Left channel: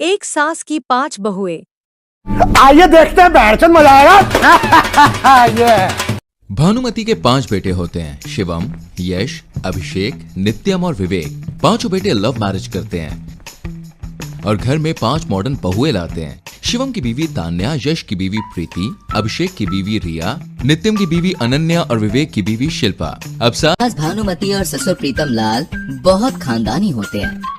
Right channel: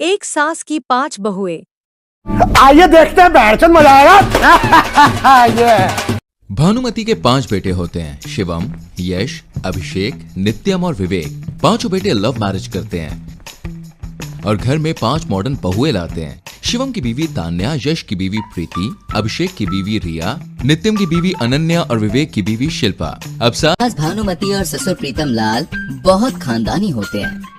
एक सास की 5 बहुएं। आइए देखते हैं बैठचंद मजा आएगा। ये भानुमति के 5 बेटे होते हैं, शिवम, यश, अभिषेक, नित्यम और विवेक। पांचों बेटे लव मैरिज करते हैं और घर में 5 मॉडर्न बहुएं लाते हैं। शिवम की बीवी तान्या, यश की बीवी प्रीति, अभिषेक की बीवी रिया, नित्यम की बीवी अनन्या और विवेक की बीवी शिल्पा। अब सास भानुमति और ससुर प्रीतम लाल बहुत खानदानी होते हैं।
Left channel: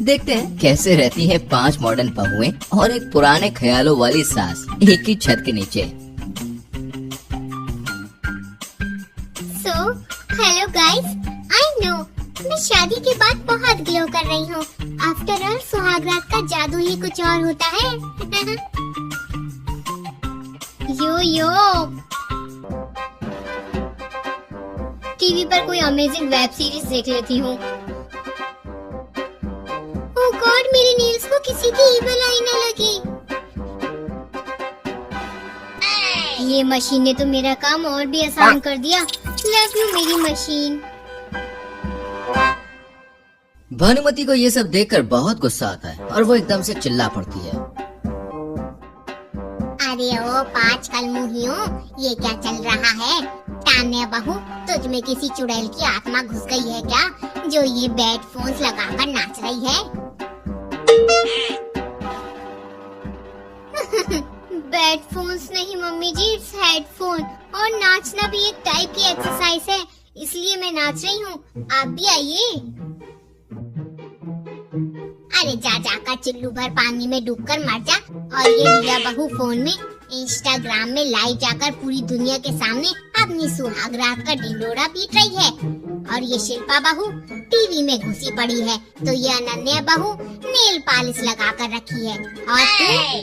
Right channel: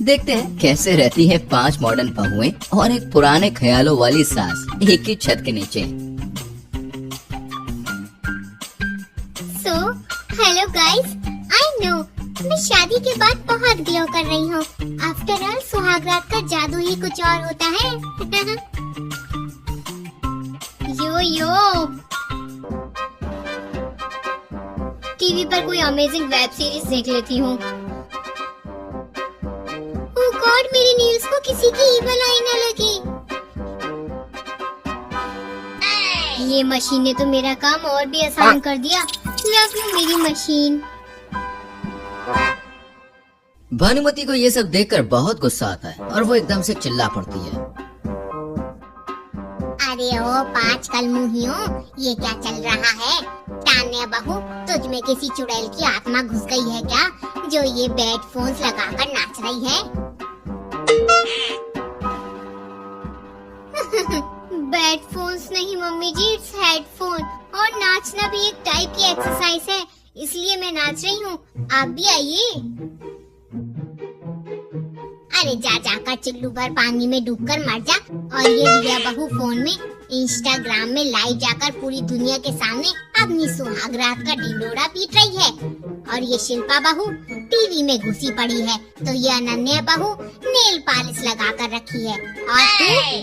देखते हैं कैसे रहती है 5 मॉडर्न बहुएं और एक पुराने ख्यालों वाली सास एक ही छत के नीचे। हेलो गाइस, आई नो मैं शादी के बाद बहुत ग्लो कर रही हूँ। आफ्टर ऑल सुहागरात का जादू ही कुछ और होता है। यो टीवी पर कोई अमेजिंग वेब सीरीज देख लेती हूँ। ओह गॉड, मेरे नेल्स को किसी की ईवल आई न लगी। ये मशीन ने तो मेरा काम और भी आसान कर दिया। लव यू मेरी मशीन। भानुमति को ये सब देखकर बहुत गुस्सा आता है और वो एकदम से चिल्ला पड़ती है। अरे ओ 5 कलमुहियों, ये क्या चल रहा है? तान्या बहू, तुझ में किसी चुड़ैल की आत्मा घुस गई है क्या, जो ये बैड फोन्स लगाकर नाच रही है? बैड फोन्स नहीं मम्मी जी, इट्स हेडफोन। और नाचना भी एक टाइप की एक्सरसाइज है, इसलिए मैं नाच रही हूँ। आप भी आइए। अरे जा जाकर चिल्लू भर पानी में डूबकर मर जा। और ये रिया बहू फोन में इंस्टाग्राम में लाइव जाकर पूरी दुनिया के सामने अपनी सुहागरात का ढिंडोरा पीट रही है। और ये शिल्पा बहू टीवी में घुसी पड़ी है, तो ये अनन्या बहू नेल पॉलिश लगा कर रखी है। और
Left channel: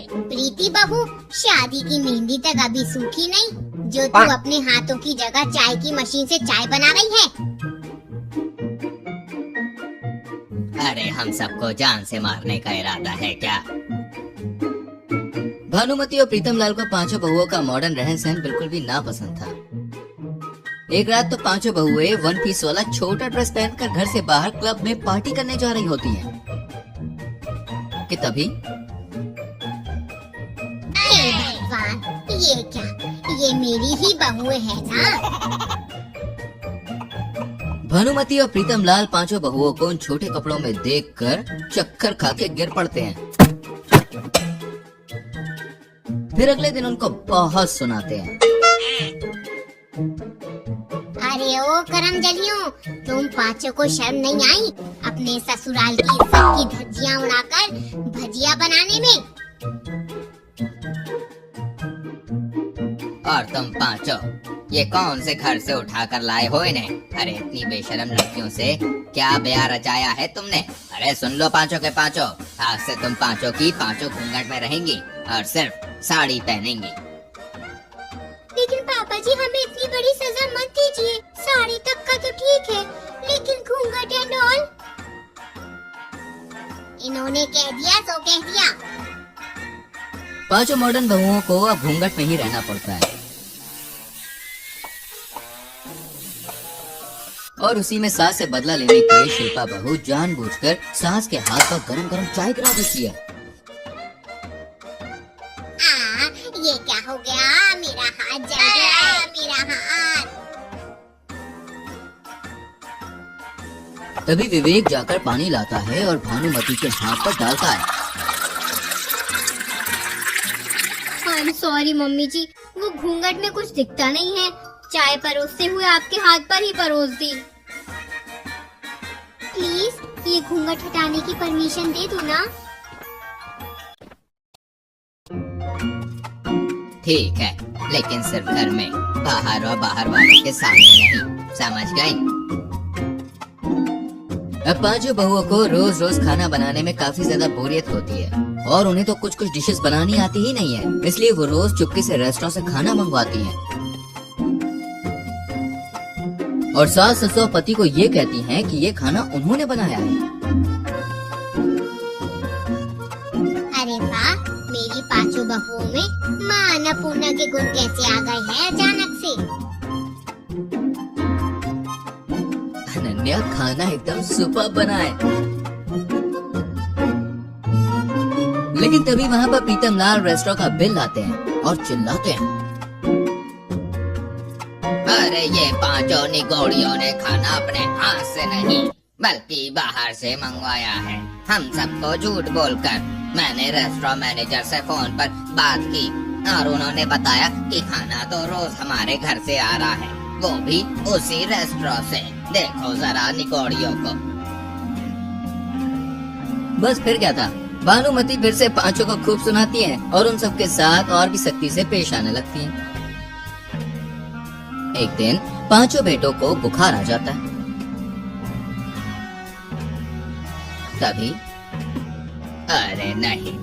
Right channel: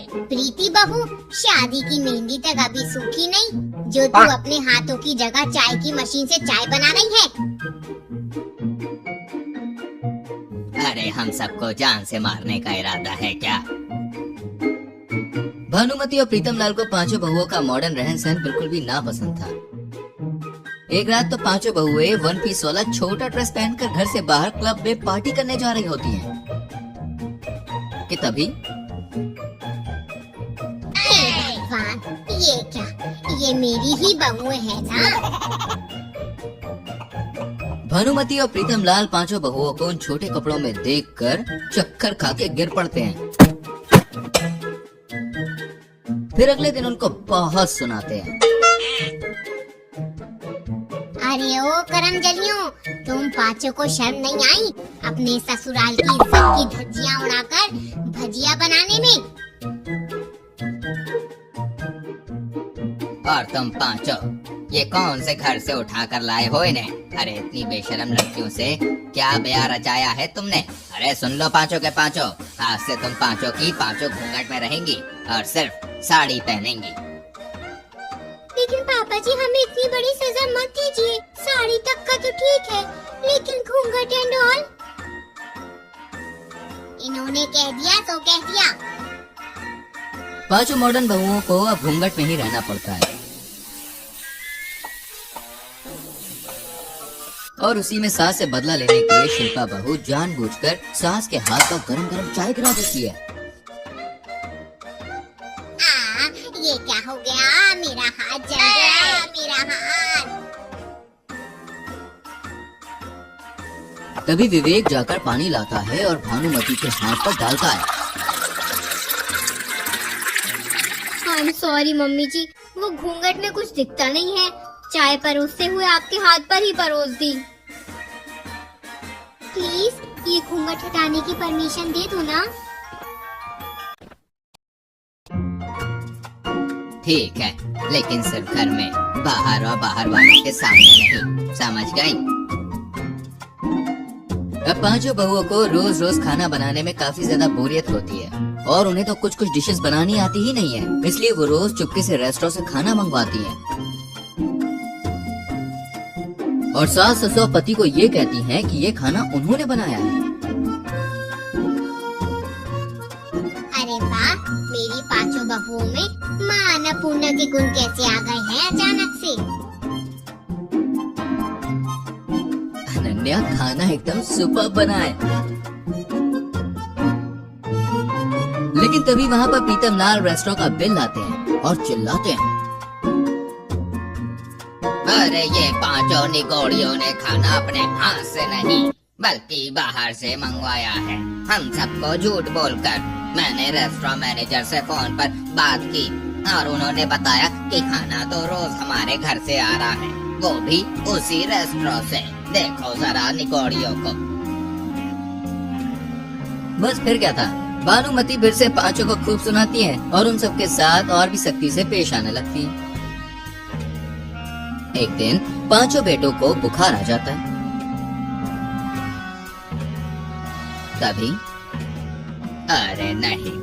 तू प्रीति बहू शादी की मेहंदी तक अभी सूखी नहीं, जो तू अपने हाथों की जगह चाय की मशीन से चाय बना रही है। अरे हम सबको जान से मारने का इरादा है क्या? भानुमति और प्रीतम लाल को 5 बहुओं का मॉडर्न रहन सहन बिल्कुल भी ना पसंद था। एक रात तो 5 बहुएं 1 पीस वाला छोटा ड्रेस पहनकर घर से बाहर क्लब में पार्टी करने जा रही होती हैं। कि तभी ये क्या, ये मेरी ही बहुएं है ना? भानुमति और प्रीतम लाल 5 बहुओं को उन छोटे कपड़ों में देखकर चक्कर खा के गिर पड़ते हैं। फिर अगले दिन उनको बहुत सुनाते हैं। अरे ओ करम जलियों, तुम 5 को शर्म नहीं आई अपने ससुराल की इज्जत की धज्जियां उड़ाकर भजिया बनाने में? और तुम 5 ये कौन से घर से उठा कर लाए हो इन्हें? अरे इतनी बेशरम लड़कियों से क्या ब्याह रचाया है तुमने? अरे सुन लो 5 के 5, आज से तुम 5 की 5 घूंघट में रहेंगी और सिर्फ साड़ी पहनेंगी। लेकिन पापा जी, हमें इतनी बड़ी सजा मत दीजिए। साड़ी तक का तो ठीक है, लेकिन घूंघट एंड ऑल? इन्होंने कह दिया तो कह दिया। 5 मॉडर्न बहुओं को अब घूंघट में ही रहना पड़ता है और उसी में सास से बदला लेने के लिए शिल्पा बहू जानबूझकर सास के हाथ पर गरम गरम चाय गिरा देती है। ये क्या हो गया? मेरा हाथ जल गया, मेरा हाथ। तभी विवेक जाकर पानी लाता है और भानुमति के हाथ पर डालता है। आई एम सॉरी मम्मी जी, वो घूंघट में कुछ दिखता नहीं है। चाय परोसते हुए आपके हाथ पर ही परोस दी। प्लीज ये घूंघट हटाने की परमिशन दे दो ना। ठीक है, लेकिन सिर्फ घर में, बाहर और बाहर वालों के सामने नहीं, समझ गई? अब 5 बहुओं को रोज रोज खाना बनाने में काफी ज्यादा बोरियत होती है और उन्हें तो कुछ डिशेस बनानी आती ही नहीं है, इसलिए वो रोज चुपके से रेस्टोरेंट से खाना मंगवाती है। और सास ससुर पति को ये कहती हैं कि ये खाना उन्होंने बनाया है। अरे वाह, मेरी 5 बहुओं में माँ अन्नपूर्णा के गुण कैसे आ गए हैं अचानक से? अनन्या खाना एकदम सुपर बना है। तभी वहाँ पर प्रीतम लाल रेस्टोरेंट का बिल लाते हैं और चिल्लाते हैं, अरे ये पांचों निगोड़ियों ने खाना अपने हाथ से नहीं बल्कि बाहर से मंगवाया है। हम सबको झूठ बोलकर मैंने रेस्टोरेंट मैनेजर से फोन पर बात की और उन्होंने बताया कि खाना तो रोज हमारे घर से आ रहा है, वो भी उसी रेस्टोरेंट से। देखो जरा निगोड़ियों को। बस फिर क्या था, भानुमति फिर से पांचों को खूब सुनाती है और उन सबके साथ और भी सख्ती से पेश आने लगती है। एक दिन पांचों बेटों को बुखार आ जाता है। तभी अरे नहीं,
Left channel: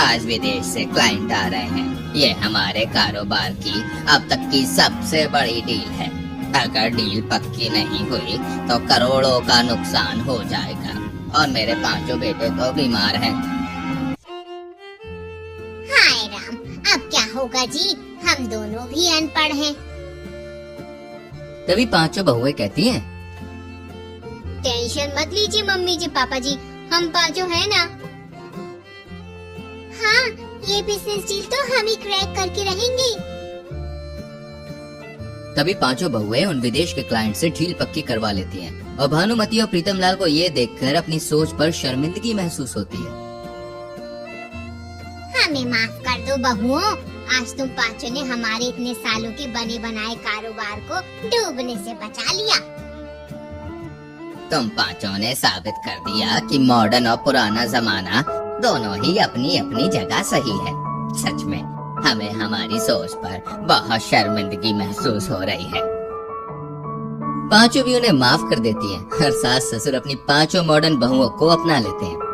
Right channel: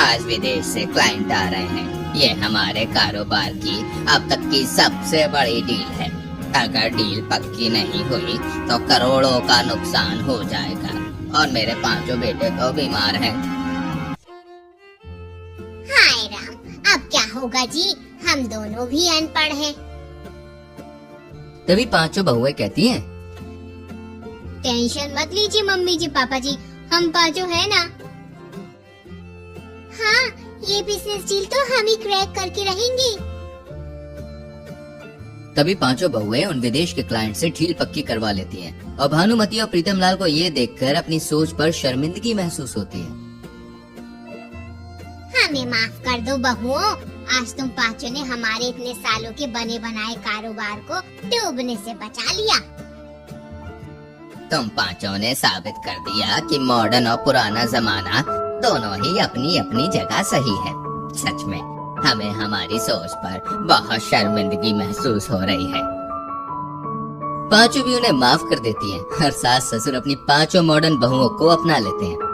आज विदेश से क्लाइंट आ रहे हैं। ये हमारे कारोबार की अब तक की सबसे बड़ी डील है। अगर डील पक्की नहीं हुई तो करोड़ों का नुकसान हो जाएगा और मेरे पांचों बेटे तो बीमार हैं। हाय राम, अब क्या होगा जी, हम दोनों भी अनपढ़ हैं। तभी पांचों बहुएं कहती हैं, टेंशन मत लीजिए मम्मी जी पापा जी, हम पांचों है ना। हाँ, ये बिजनेस डील तो हम ही क्रैक करके रहेंगे। तभी पांचों बहुएं उन विदेश के क्लाइंट से डील पक्की करवा लेती हैं और भानुमति और प्रीतम लाल को ये देखकर अपनी सोच पर शर्मिंदगी महसूस होती है। हमें माफ कर दो बहुओं, आज तुम पांचों ने हमारे इतने सालों के बने बनाए कारोबार को डूबने से बचा लिया। तुम पांचों ने साबित कर दिया कि मॉडर्न और पुराना जमाना दोनों ही अपनी अपनी जगह सही है। सच में हमें हमारी सोच पर बहुत शर्मिंदगी महसूस हो रही है। पांचों भी उन्हें माफ कर देती हैं। हर सास ससुर अपनी पांचों मॉडर्न बहुओं को अपना लेते हैं।